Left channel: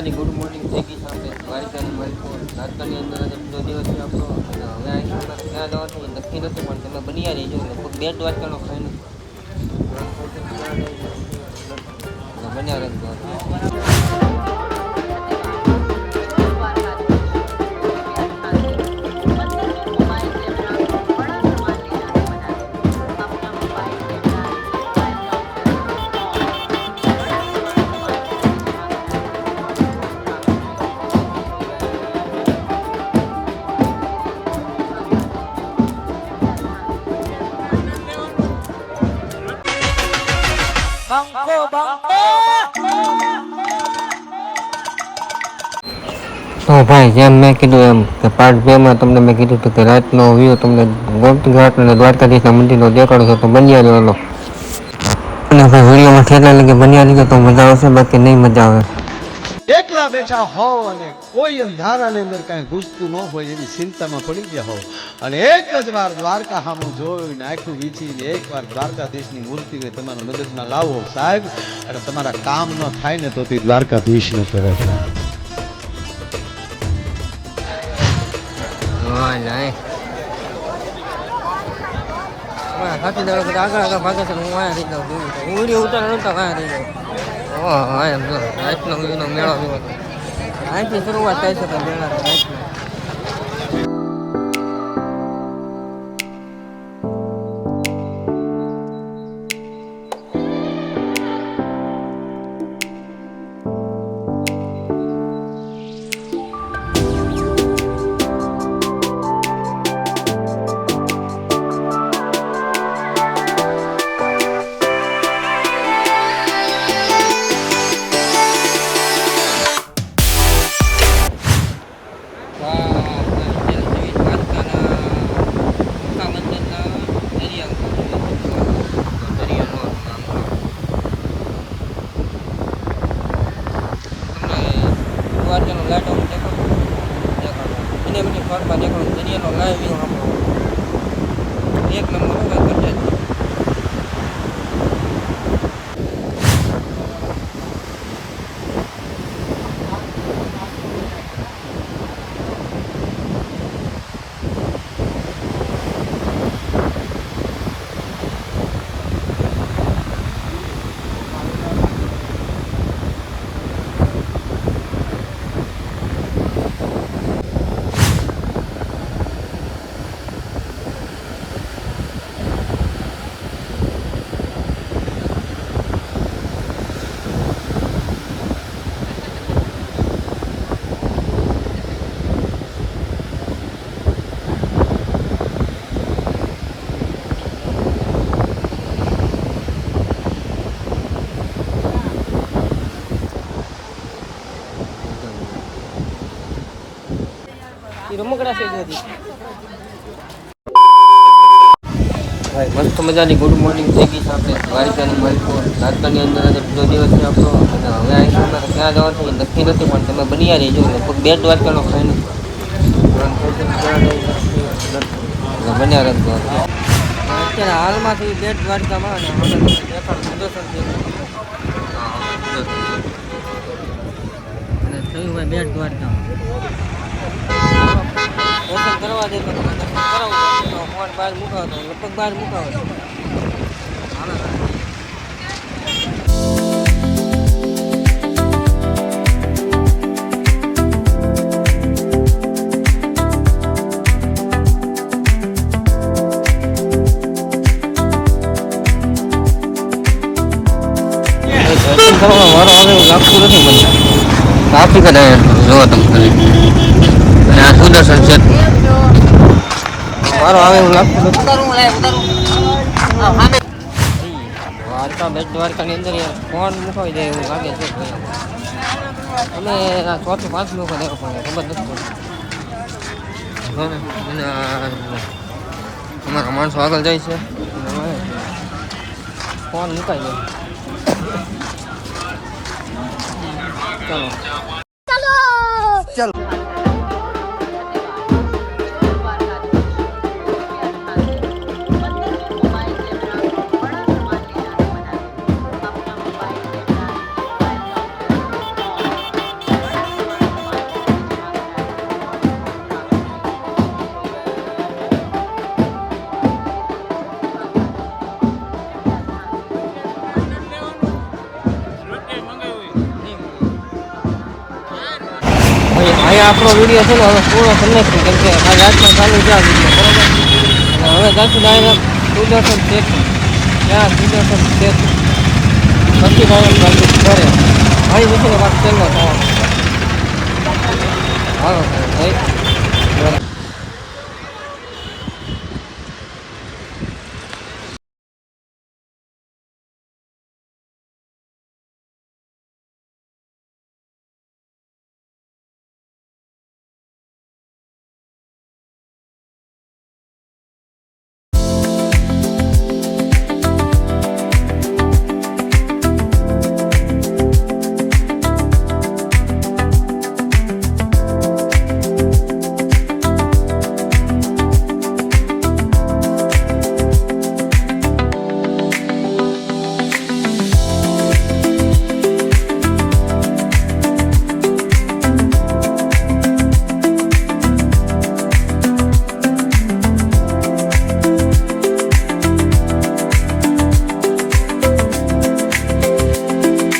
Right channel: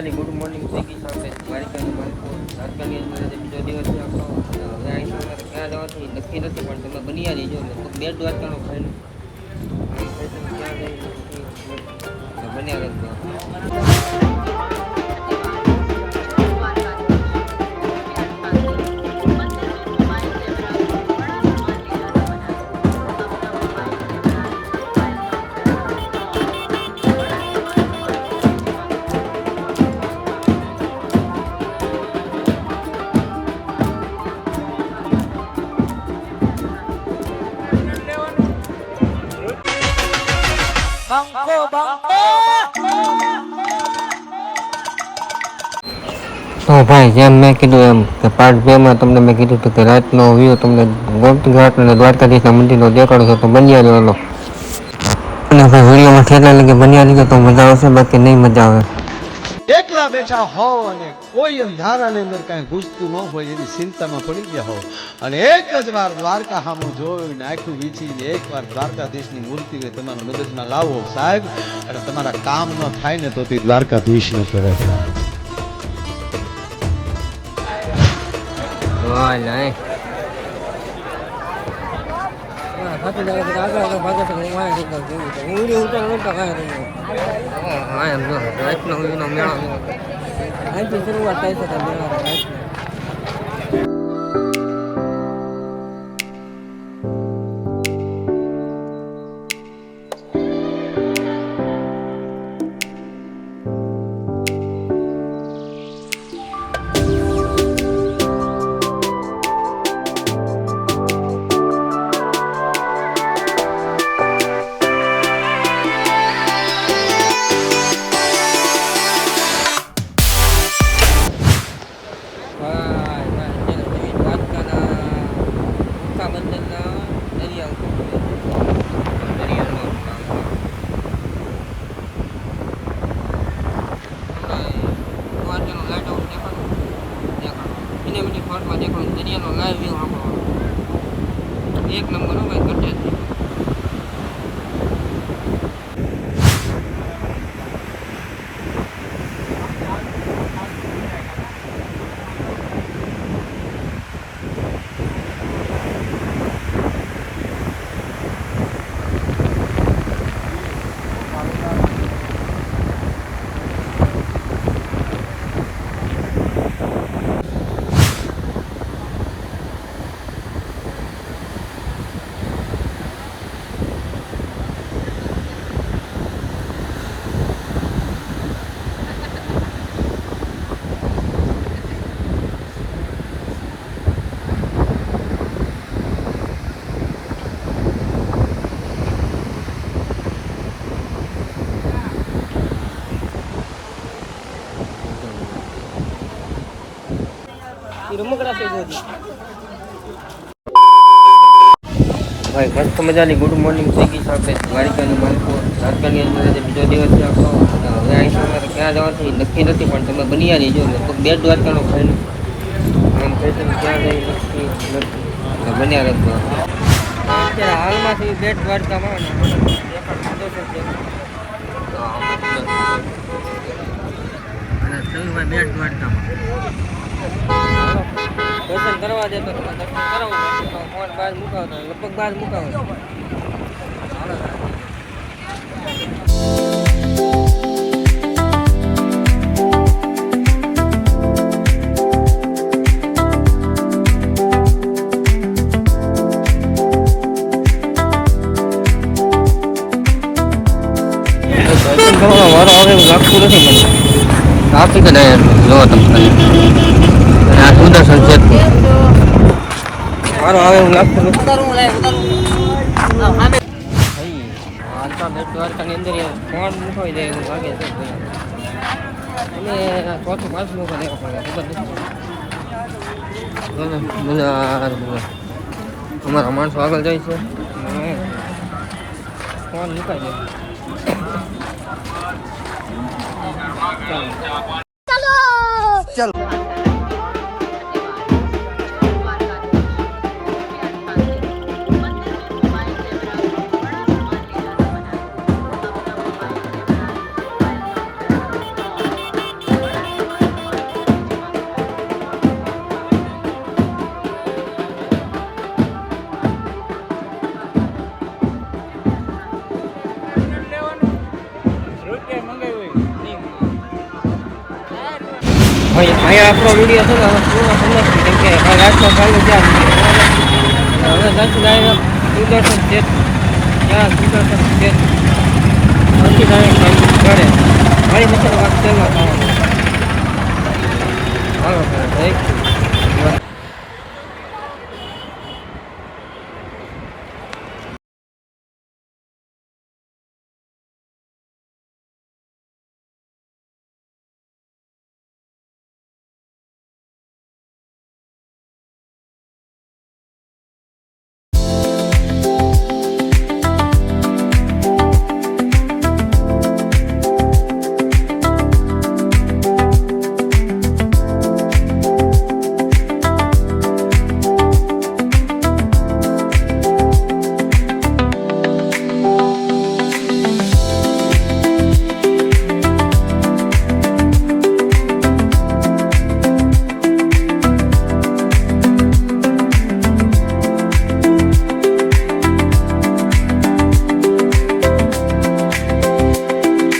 મજાની good morning થઈ ગઈ છે. આપણે દ્વારકાની દ્વારકાની અંદર બીજો દિવસ છે આપણો. અને હવે અહીં અમારે ક્યાં જવાથી નક્કી નથી, પણ તમે બની જઈજો. લગભગ 2 દ્વારકાનો ફાઇનલ ક્યાં જઈ બન્યા રાખજો. Bangko, bangko. તો ભાઈ જેમ મેં કીધું એમ કે પાર્ટ 2 માં તમને મેં કીધું હતું કે રાતનો વ્યૂ તમને ગોમતી ઘાટ અને દ્વારકાધીશના મંદિરનો દેખાડો છે, તો બન્યા રહેલો. અને ભાઈ વિડીયોમાં ઠેલા લગે બન્યા લીધો તો મજા આવશે, બાકી નહીં મજા આવે. એકલા બેઠા હોવ અને કોઈ અંધારાની અંદર કાંઈ ઘૂસતું ન હોય એની ચિંતામાં પડી ગયા હોવ અને એક જ વાર દ્વારકા સામું જોઈને આખું વીંચીને એકવાર દ્વારકાધીશની મૂર્તિને તમારા મગજમાં લાવો સાહેબ, અને તમારા કામ ન થાય ને તો તે દ્વારકાધીશને કરે છે. અહીંથી શરૂઆત થાય છે પણ દરિયાનો લાઈવ વ્યૂ આપણો એક નંબર હોય. ભાઈ મસ્ત મજાની ગુડ મોર્નિંગ થઈ ગઈ છે. આપણે દ્વારકાની દ્વારકાની અંદર બીજો દિવસ છે આપણો. અને હવે અહીં અમારે ક્યાં જવાથી નક્કી નથી, પણ તમે બની જઈજો. લગભગ 2 દ્વારકાનો ફાઇનલ ક્યાં જઈ નક્કી નથી બન્યા રાખજો. અત્યારે હાલમાં થઈ 2 દ્વારકામાં અને થયું ભાઈ 2 દ્વારકામાં. દર્શન કરવા દે તો તમે દર્શન કરાવું, બાકી તો ફોન બહાર મુકાવતો લગભગ બહાર મુકાવે. હાલો દર્શન કરવાનો વારો આવે એવું લાગતું નથી મને. સાચી કદાચ એટલું જોવો તમે ખાલી. અને આ સુદર્શન સેતુ મારો આવે એવું લાગતું નથી. દ્વારકાની અંદર ફોન મુકાવી જાય એવું લાગે છે. તમે આ 4 થી 5 લોકો દેવા પડે, ખબર નથી. અમારા માણસો આગળ જાય છે, ફોન મુકાઈ જાય. ચાલો ચાલો. અહીંયા આપણો વિડીયો છે ને હવે પૂરો કરી નાખીશું કેમ કે કાલ રાતનો ચાલુ છે આ વિડીયો બરાબર. અને હવે જાશું ડાયરેક્ટ સુદર્શન સેતુ ત્યાં સુદર્શન સેતુ પછી ડાયરેક્ટ જાશું ઘરે મારી મશીને વાત ચાલનો થવાનો હાલો ભાઈ